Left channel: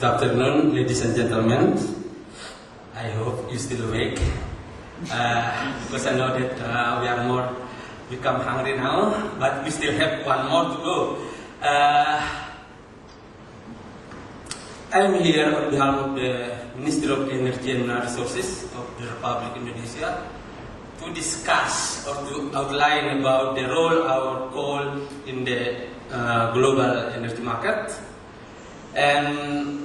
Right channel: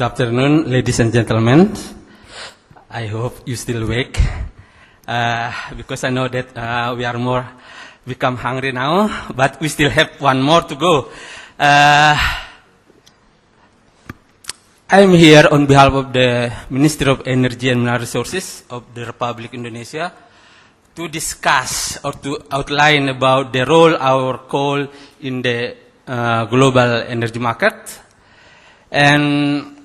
Good afternoon, ladies and gentlemen. I hope you still awake because I know that we are more become hungry now, but we still have one more to go. I'm here on behalf of the Ministry of Energy and Mineral Resources of the Republic of Indonesia to discuss or to outline about the role of our coal in the global energy market. And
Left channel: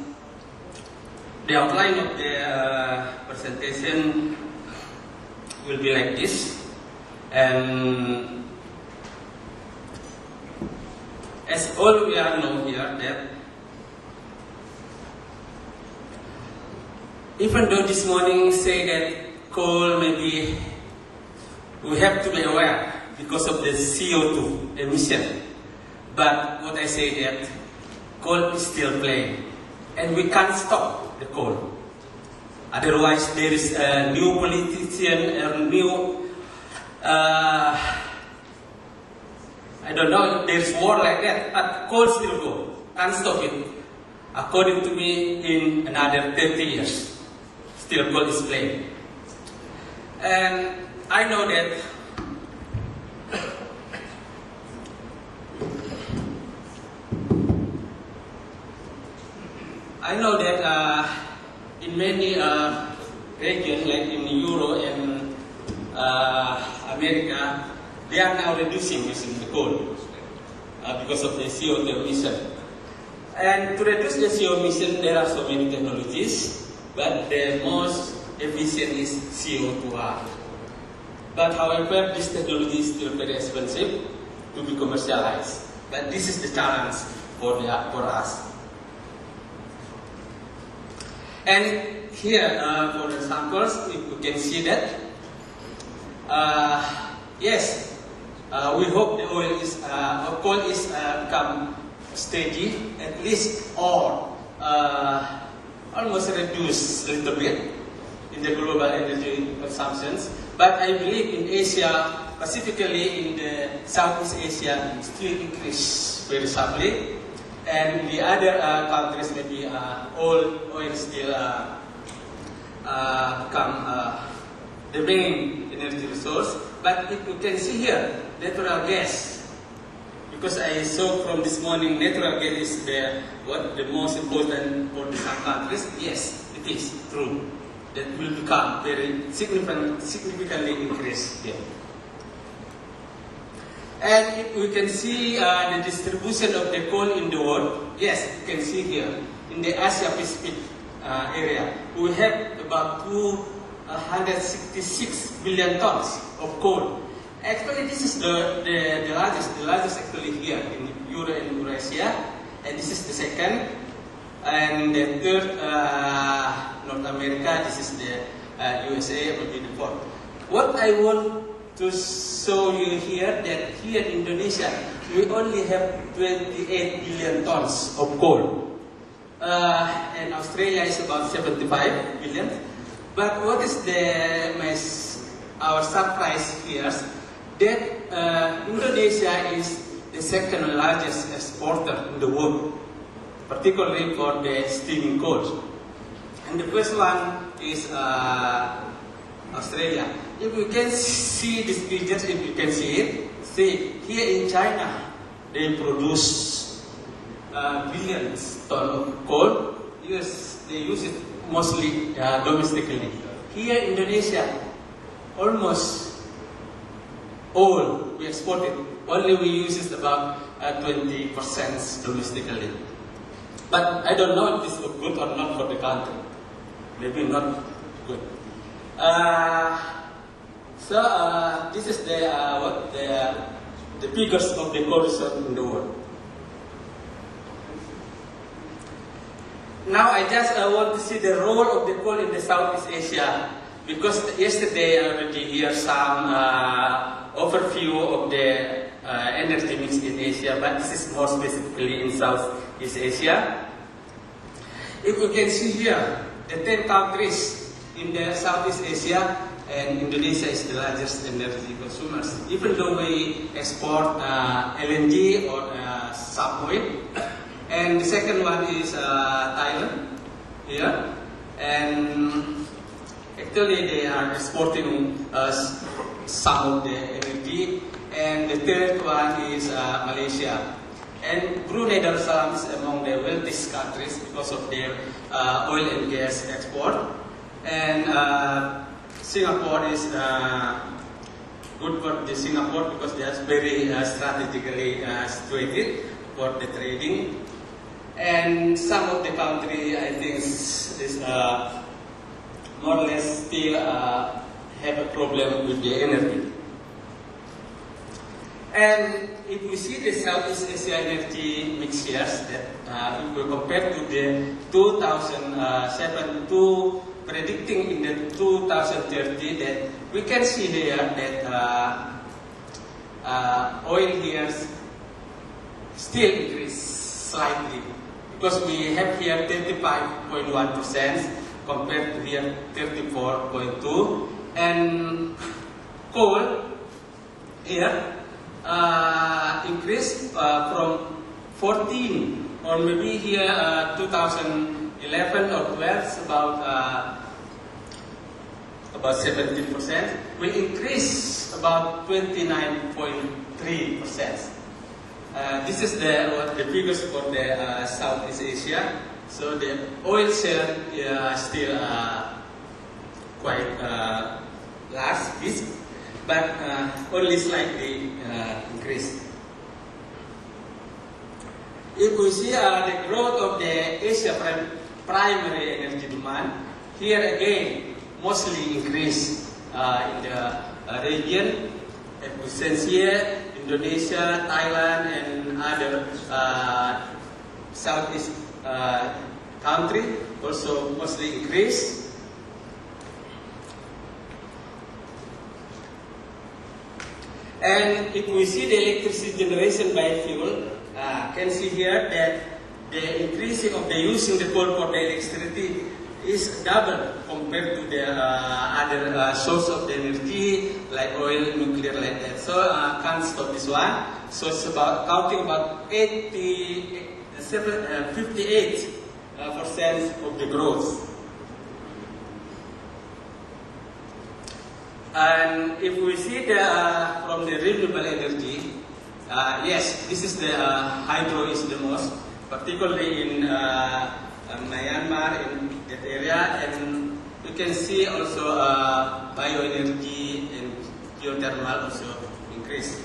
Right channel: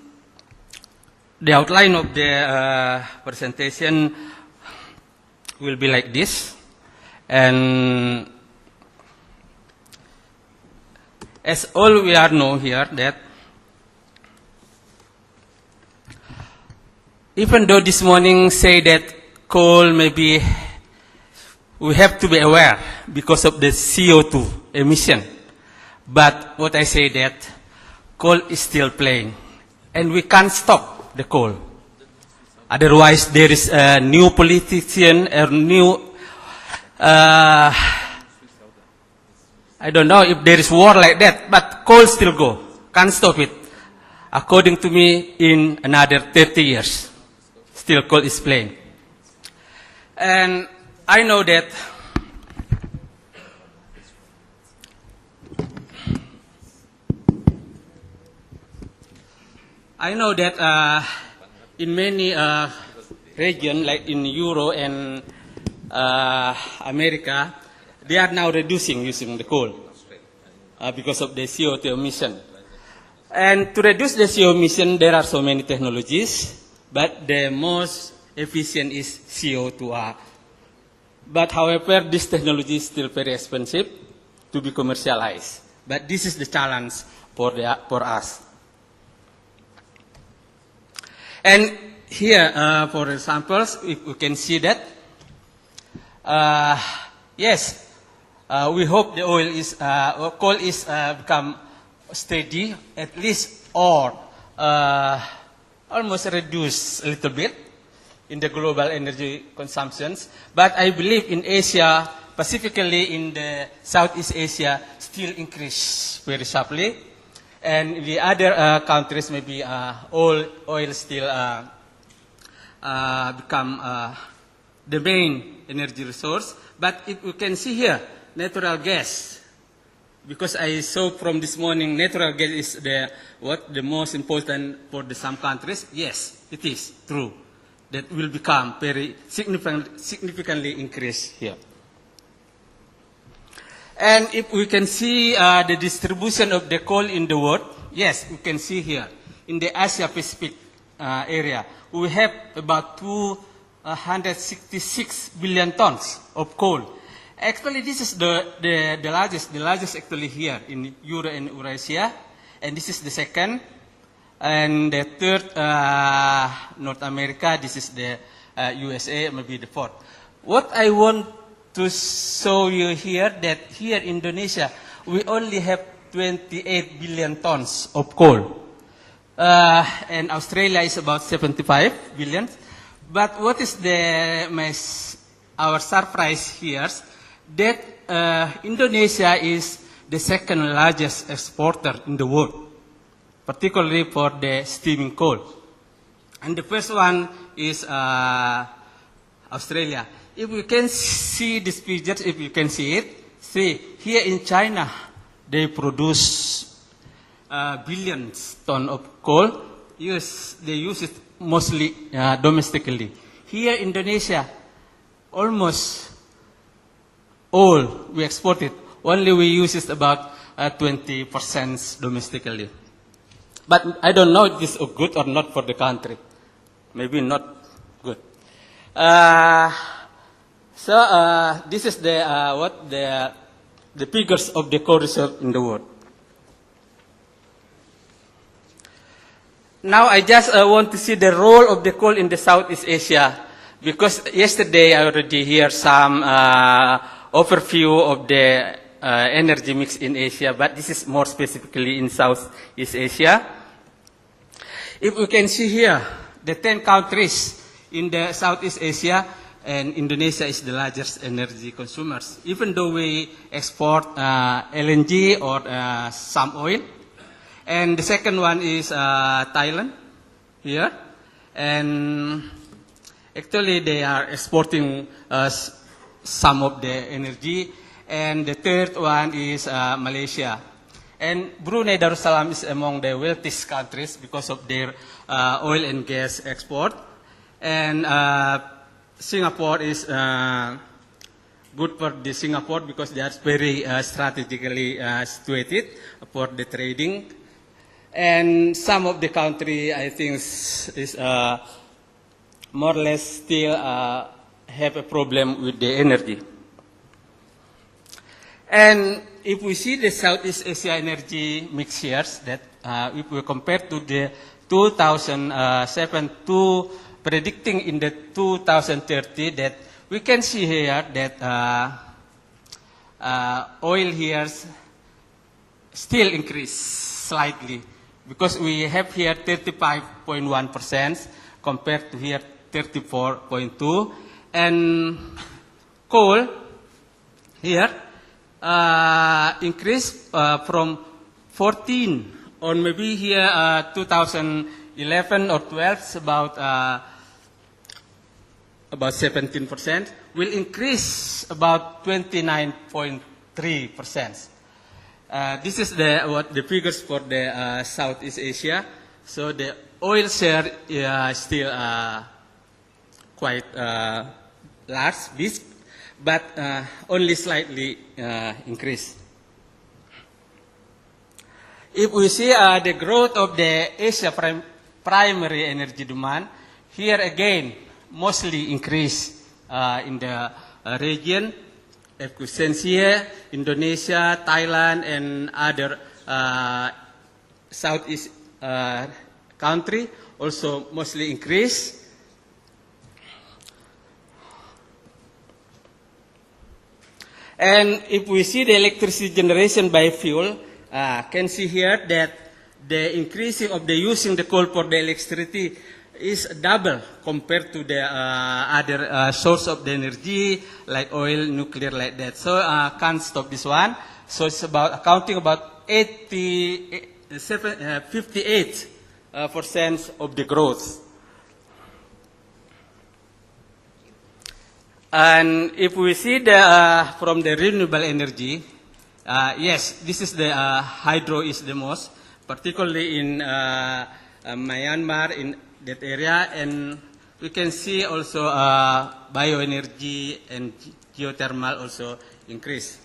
the outline of the presentation will be like this. And as all we are know here that even though this morning say that coal maybe we have to be aware because of the CO2 emission. But what I say that coal is still playing and we can't stop the coal. Otherwise there is a new politician or new, I don't know if there is war like that, but coal still go, can't stop it. According to me, in another 30 years, still coal is playing. And I know that in many regions, like in Europe and America, they are now reducing using the coal because of the CO2 emission. And to reduce the CO2 emission, there are so many technologies, but the most efficient is CO2R. But however, this technology is still very expensive to be commercialized. But this is the challenge for us. And here, for examples, we can see that, yes, we hope the coal is become steady, at least, or almost reduce a little bit in the global energy consumptions. But I believe in Asia, specifically in the Southeast Asia, still increase very sharply. And in the other countries, maybe oil still become the main energy resource. But if you can see here, natural gas, because I saw from this morning, natural gas is the most important for some countries. Yes, it is true. That will become very significantly increased here. And if we can see the distribution of the coal in the world, yes, you can see here in the Asia Pacific area, we have about 266 billion tons of coal. Actually, this is the largest actually here in Europe and Eurasia, and this is the second. And the third, North America, this is the USA, maybe the fourth. What I want to show you here, that here in Indonesia, we only have 28 billion tons of coal. And Australia is about 75 billion. But what is our surprise here, that Indonesia is the second largest exporter in the world, particularly for the steaming coal. And the first one is Australia. If you can see these pictures, if you can see it, see here in China, they produce billions tons of coal. Yes, they use it mostly domestically. Here in Indonesia, almost all we export it. Only we use it about 20% domestically. But I don't know if this is good or not for the country. Maybe not good. This is the figures of the coal reserve in the world. Now I just want to see the role of the coal in the Southeast Asia, because yesterday I already hear some overview of the energy mix in Asia, but this is more specifically in Southeast Asia. If we can see here, the 10 countries in the Southeast Asia, and Indonesia is the largest energy consumers. Even though we export LNG or some oil, And the second one is Thailand here, and actually they are exporting some of the energy. And the third one is Malaysia. And Brunei Darussalam is among the wealthiest countries because of their oil and gas export. And Singapore is good for the Singapore because they are very strategically situated for the trading. And some of the country, I think, is more or less still have a problem with the energy. And if we see the Southeast Asia energy mix here, that if we compare to the 2007 to predicting in the 2030, that we can see here that oil here still increase slightly, because we have here 35.1% compared to here 34.2%, and coal here increased from 14, or maybe here 2011 or 12, about 17%, will increase about 29.3%. This is the figures for the Southeast Asia. So the oil share is still quite large, but only slightly increased. If we see the growth of the Asia primary energy demand, here again mostly increase in the region. Indonesia, Indonesia, Thailand, and other Southeast country also mostly increase. And if we see the electricity generation by fuel, can see here that the increase of the using the coal for the electricity is double compared to the other source of the energy like oil, nuclear, like that. So can't stop this one. So it's about accounting about 58% of the growth. And if we see the from the renewable energy, yes, this is the hydro is the most, particularly in Myanmar, in that area, and we can see also bioenergy and geothermal also increase.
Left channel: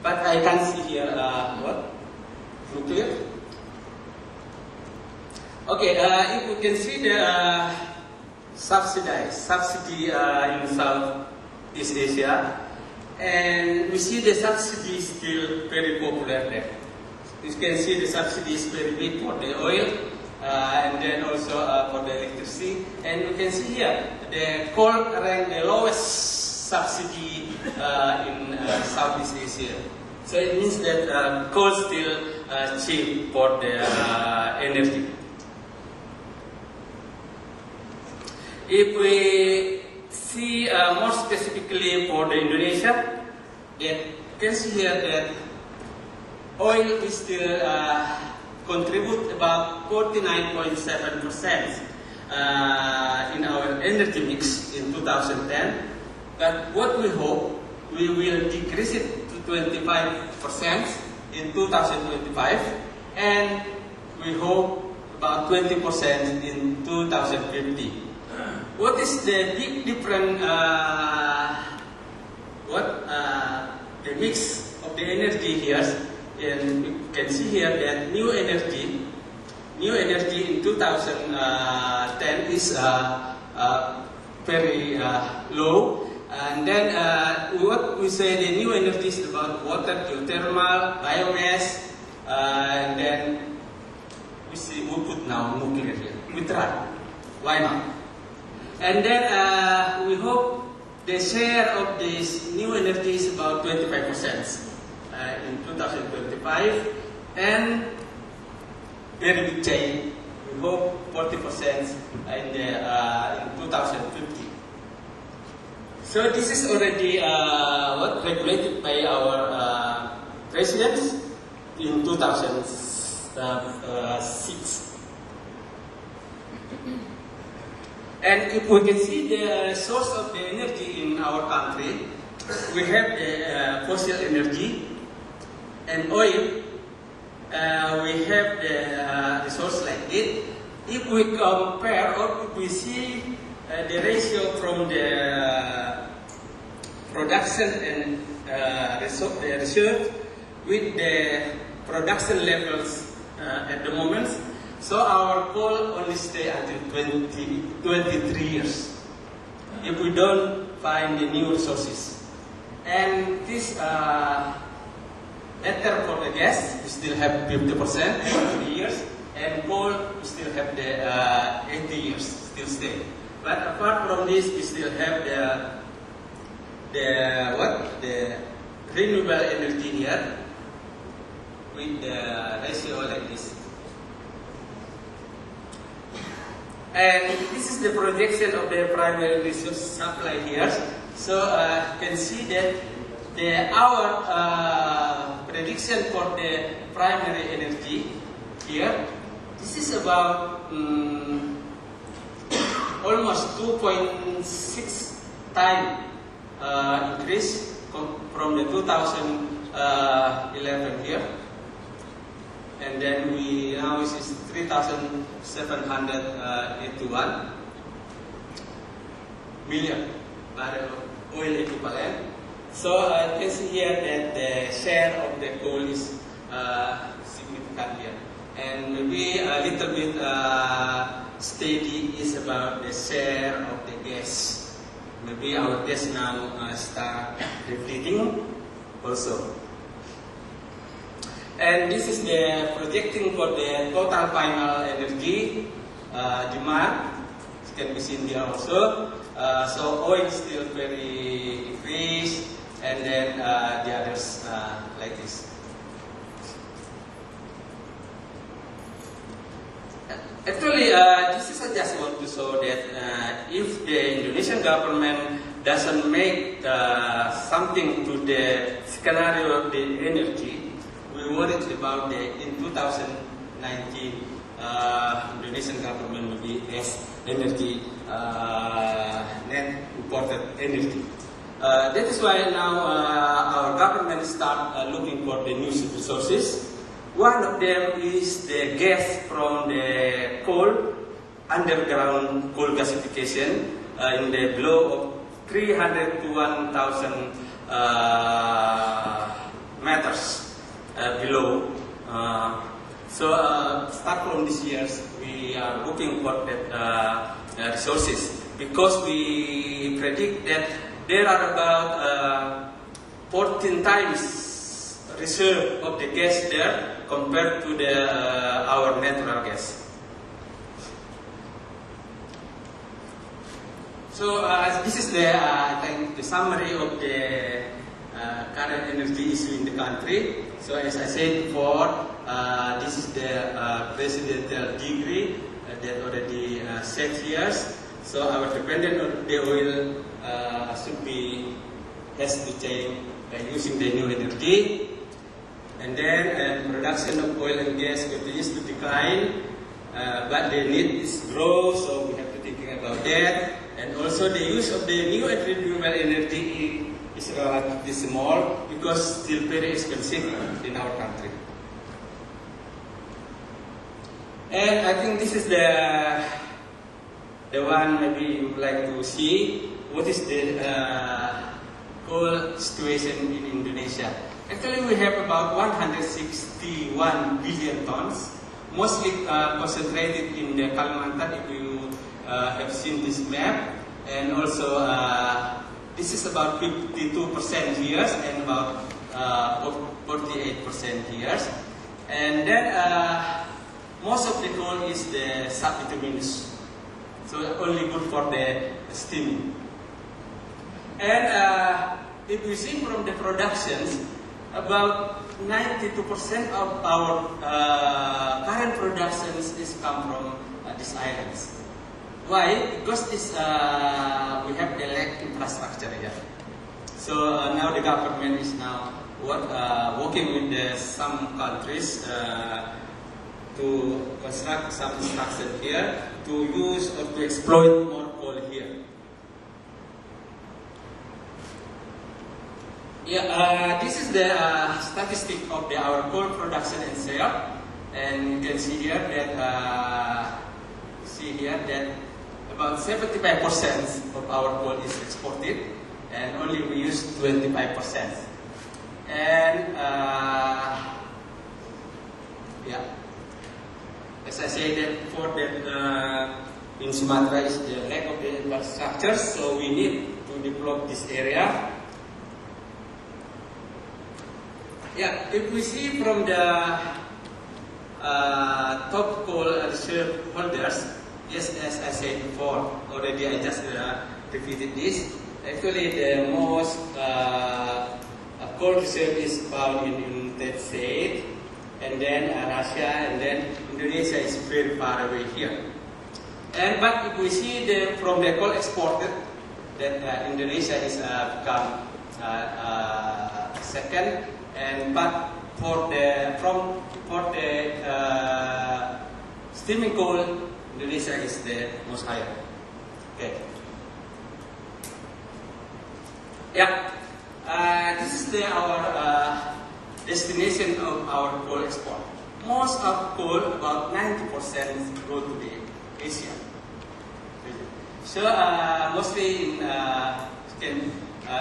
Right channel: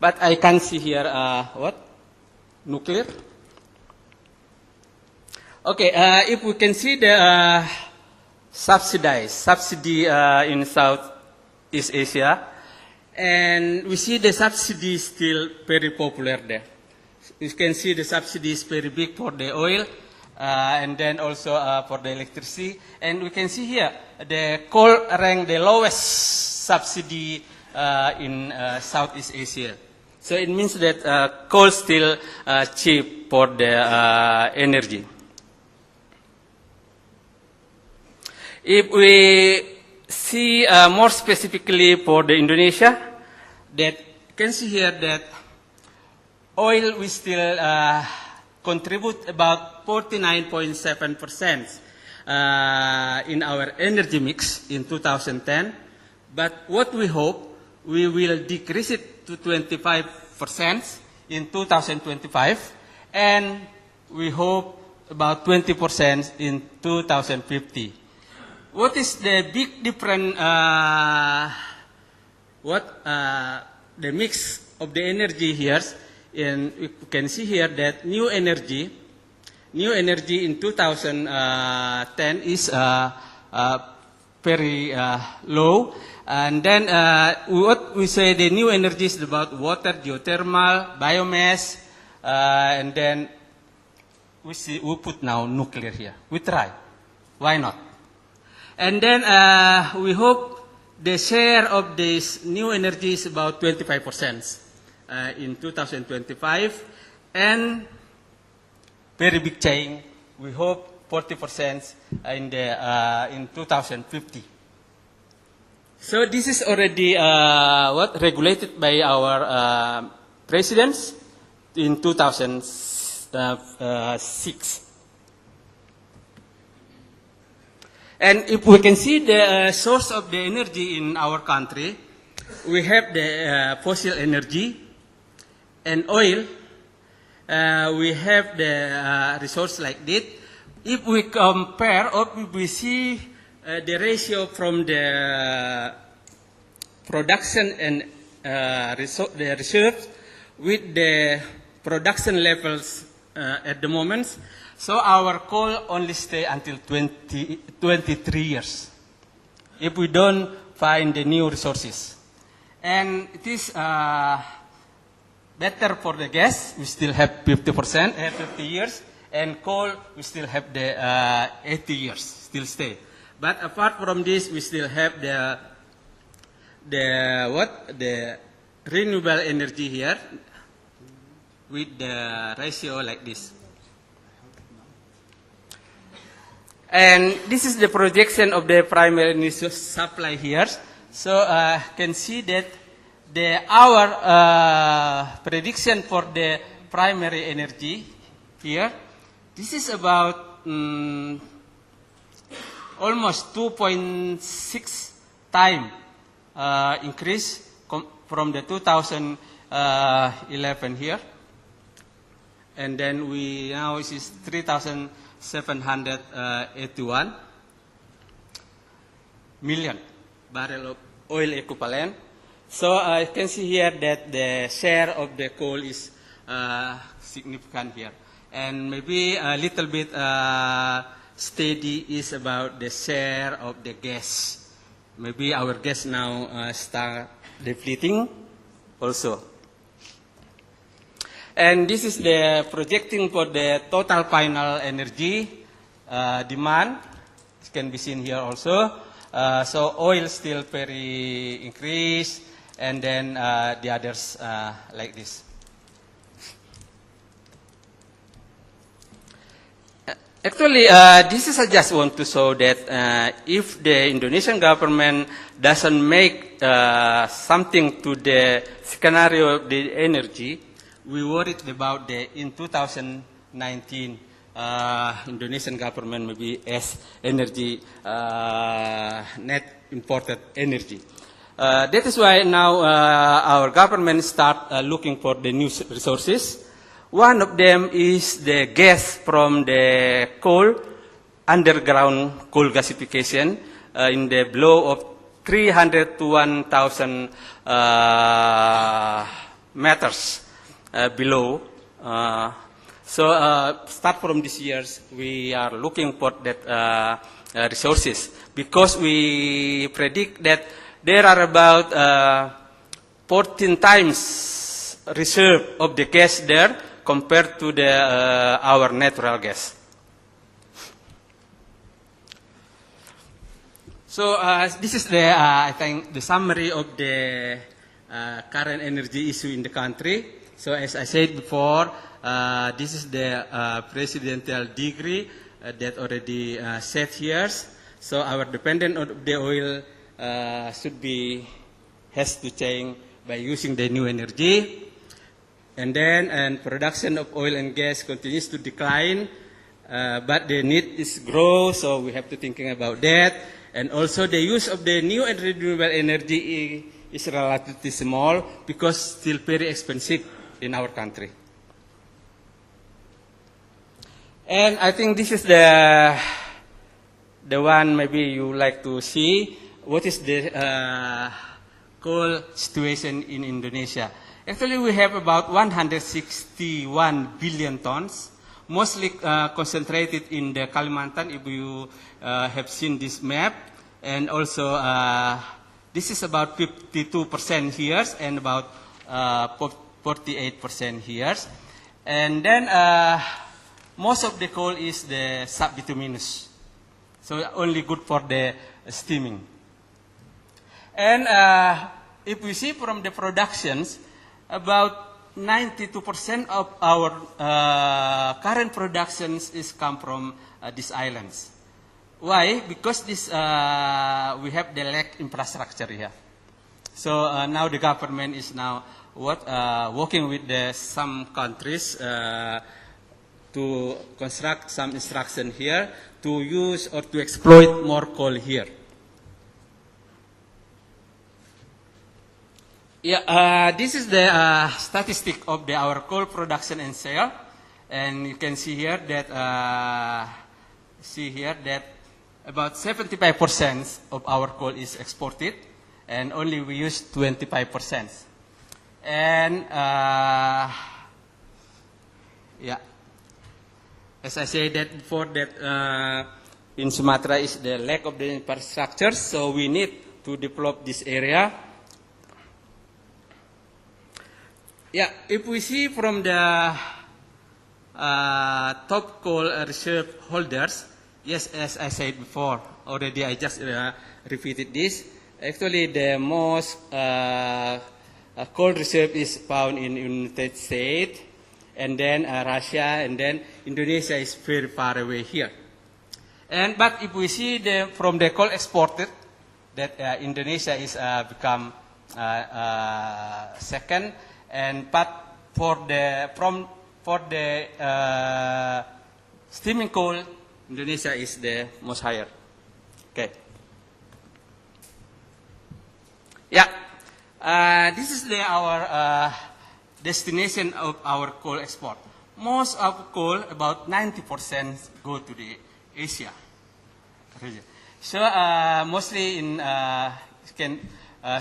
But I can see here what? Nuclear. Okay, if we can see the subsidy in Southeast Asia, and we see the subsidy is still very popular there. You can see the subsidy is very big for the oil, and then also for the electricity. And we can see here the coal ranked the lowest subsidy in Southeast Asia. So it means that coal still cheap for the energy. If we see more specifically for the Indonesia, that can see here that oil will still contribute about 49.7% in our energy mix in 2010. But what we hope, we will decrease it to 25% in 2025, and we hope about 20% in 2050. What is the big difference? The mix of the energy here? And we can see here that new energy in 2010 is very low. And then what we say the new energy is about water, geothermal, biomass, and then we put now nuclear here. We try. Why not? And then we hope the share of this new energy is about 25%. In 2025, and very big change. We hope 40% in 2050. So this is already regulated by our presidents. in 2006. And if we can see the source of the energy in our country, we have the fossil energy and oil. We have the resource like this. If we compare or if we see the ratio from the production and the reserve with the production levels at the moment, so our coal only stay until 23 years if we don't find the new resources. And it is better for the gas, we still have 50% and 50 years, and coal, we still have the 80 years, still stay. But apart from this, we still have the renewable energy here with the ratio like this. And this is the projection of the primary energy supply here. So you can see that our prediction for the primary energy here, this is about almost 2.6 times increase from the 2011 here. And then we now is 3,781 million barrel of oil equivalent. So you can see here that the share of the coal is significant here. And maybe a little bit steady is about the share of the gas. Maybe our gas now start depleting also. And this is the projecting for the total final energy demand. It can be seen here also. So oil still very increased, and then the others like this. Actually, this is I just want to show that if the Indonesian government doesn't make something to the scenario of the energy, we worried about the in 2019 Indonesian government will be as energy net imported energy. That is why now our government start looking for the new resources. One of them is the gas from the coal, underground coal gasification in the below of 300 to 1,000 meters below. So start from this year, we are looking for that resources, because we predict that there are about 14 times reserve of the gas there compared to the our natural gas. So this is the I think the summary of the current energy issue in the country. So as I said before, this is the presidential degree that already set here. So our dependence on the oil has to change by using the new energy. And then production of oil and gas continues to decline, but the need is grow, so we have to thinking about that. And also the use of the new and renewable energy is relatively small because still very expensive in our country. And I think this is the one maybe you would like to see. What is the coal situation in Indonesia? Actually, we have about 161 billion tons, mostly concentrated in the Kalimantan, if you have seen this map. And also, this is about 52% here and about 48% here. And then, most of the coal is the subbituminous, so only good for the steaming. And if we see from the productions, about 92% of our current productions is come from these islands. Why? Because this we have the lack infrastructure here. So now the government is now working with some countries to construct some instruction here to use or to exploit more coal here. Yeah, this is the statistic of our coal production and sale, and you can see here that about 75% of our coal is exported, and only we use 25%. And yeah, as I said, that for that in Sumatra is the lack of the infrastructure, so we need to develop this area. Yeah, if we see from the top coal reserve holders, yes, as I said before, already I just repeated this. Actually, the most coal reserve is found in United States, and then Russia, and then Indonesia is very far away here. And but if we see from the coal exported, that Indonesia is become second, and but for the steaming coal, Indonesia is the most higher. Okay. Yeah, this is our destination of our coal export. Most of coal, about 90%, go to the Asia. So mostly in you can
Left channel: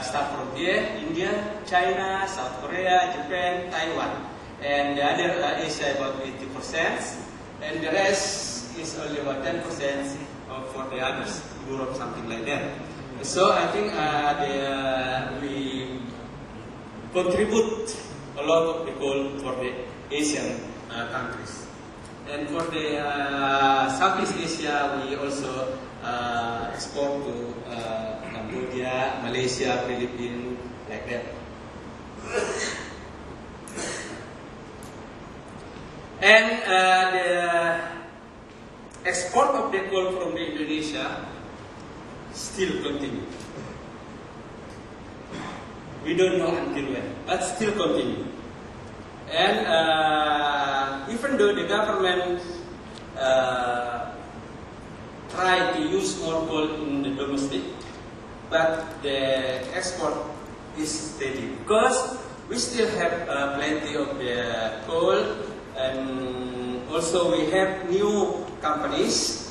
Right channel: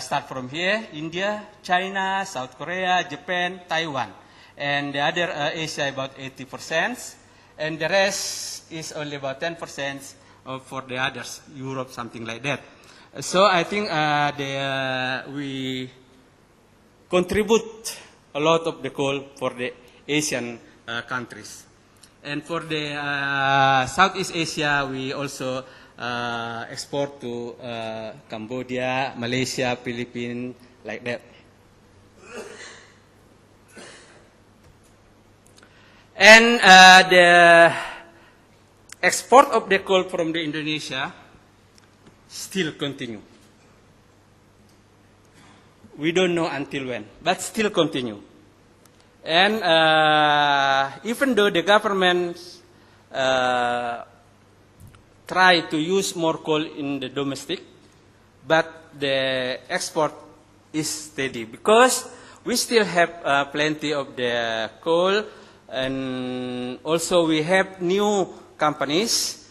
start from here: India, China, South Korea, Japan, Taiwan, and the other Asia about 80%, and the rest is only about 10% for the others, Europe, something like that. So I think we contribute a lot of the coal for the Asian countries. And for the Southeast Asia, we also export to Cambodia, Malaysia, Philippines, like that. And the export of the coal from the Indonesia still continue. We don't know until when, but still continue. And even though the government try to use more coal in the domestic, but the export is steady because we still have plenty of the coal, and also we have new companies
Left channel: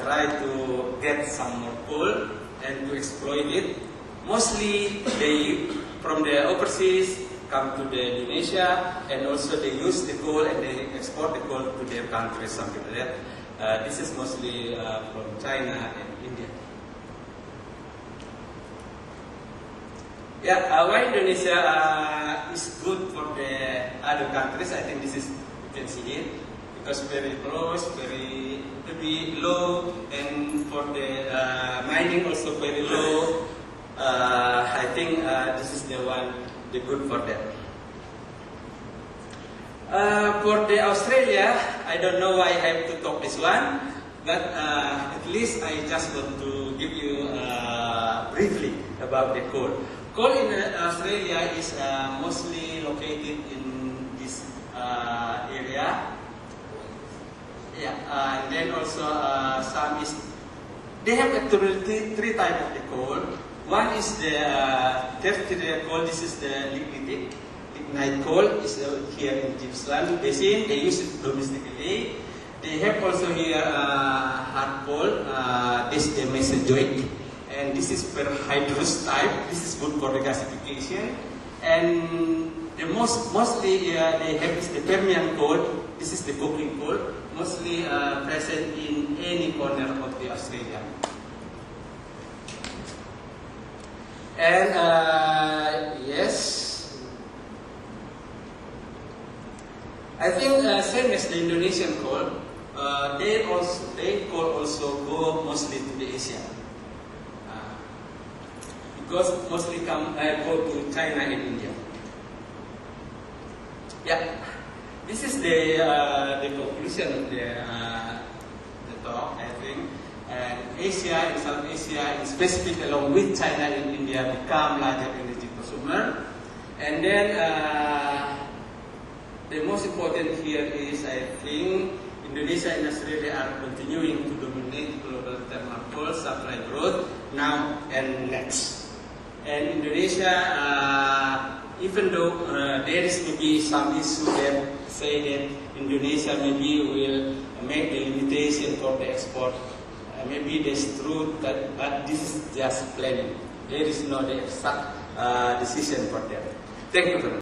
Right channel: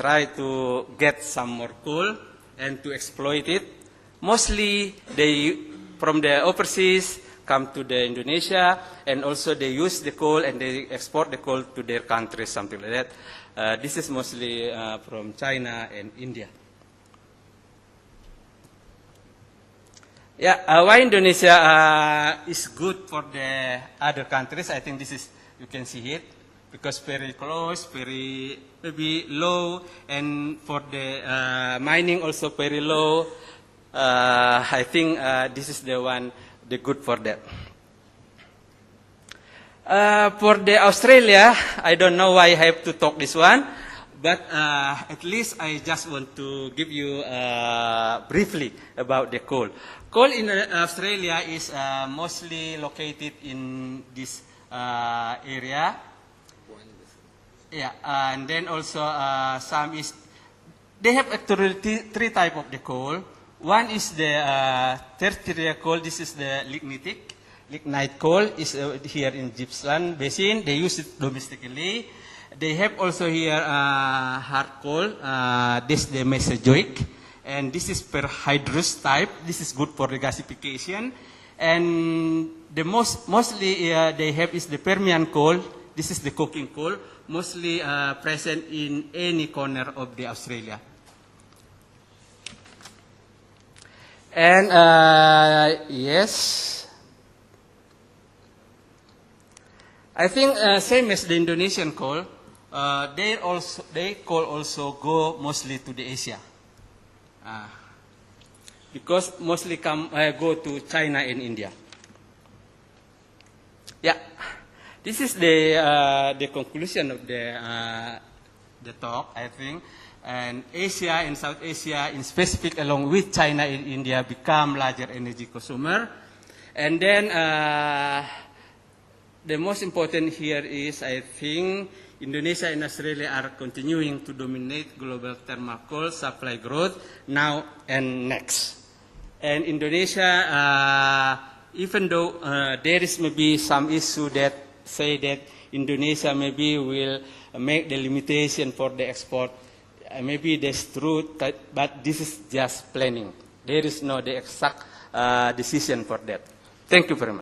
try to get some more coal and to exploit it. Mostly they from the overseas come to the Indonesia, and also they use the coal and they export the coal to their countries, something like that. This is mostly from China and India. Yeah, why Indonesia is good for the other countries? I think this is, you can see here, because very close, very low, and for the mining also very low. I think this is the good for that. For the Australia, I don't know why I have to talk this one, but at least I just want to give you briefly about the coal. Coal in Australia is mostly located in this area. Yeah, and then also some is, they have actually three types of the coal. One is the tertiary coal. This is the lignite coal is here in Gippsland Basin. They use it domestically. They have also here hard coal. This is the Mesozoic, and this is per hydrous type. This is good for regasification. And the mostly they have is the Permian coal. This is the coking coal, mostly present in any corner of the Australia. And yes, I think same as the Indonesian coal, they coal also go mostly to the Asia, because mostly go to China and India. Yeah, this is the conclusion of the talk, I think. And Asia and South Asia, in specific along with China and India, become larger energy consumer. And then the most important here is, I think, Indonesia and Australia are continuing to dominate global thermal coal supply growth now and next. And Indonesia, even though there is maybe some issue that say that Indonesia maybe will make the limitation for the export, maybe that's true, but this is just planning. There is no the exact decision for that. Thank you very much.